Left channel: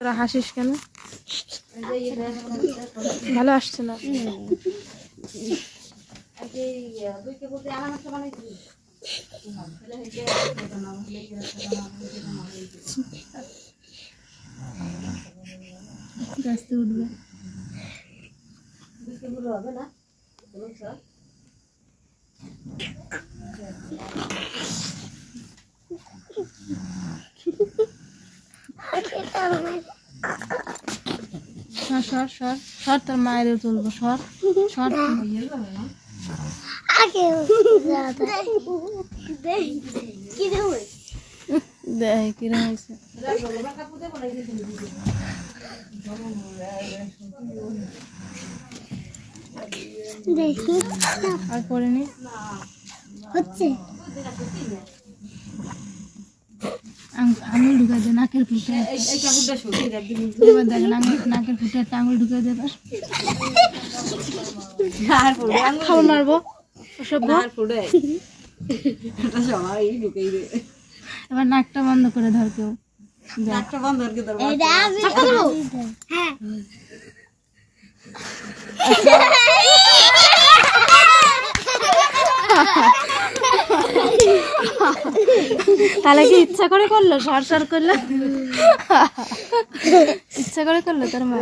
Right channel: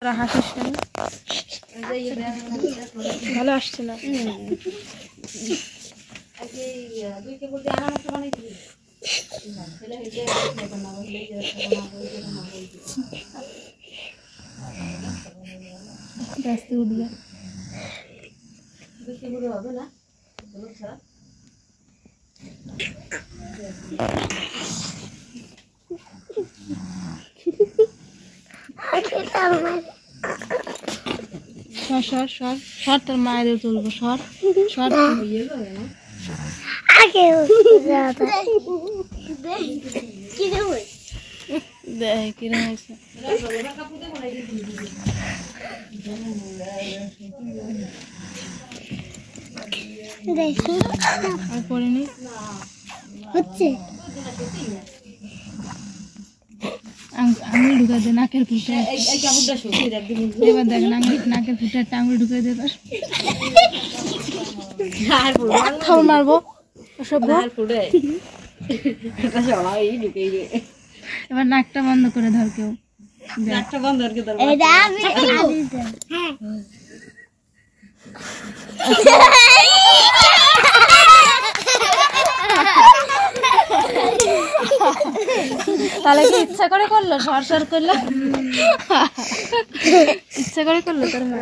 তোরা হাসিস কেন? ভালো আসছে না। রাস্তে উঠবে হবে না। সর সর সর, তোর মায়ের তুলবো। সর সর, দেখ কিরম হয়েছে। আর পড়েনি হচ্ছে, আঙুল ঢুকা দে নাকের ফুটে। এবার দেখ নাকের ফুটে একটা আঙুল ঢুকা দে। খাবার মারবো অসভ্য। এবার নাকটা বন্ধ করে ধর, কেউ নাকটা বন্ধ করে ধর। তাহলে কি ইচ্ছা করে করলো? সর সর করলো, ইচ্ছা করে করলো তোর মা।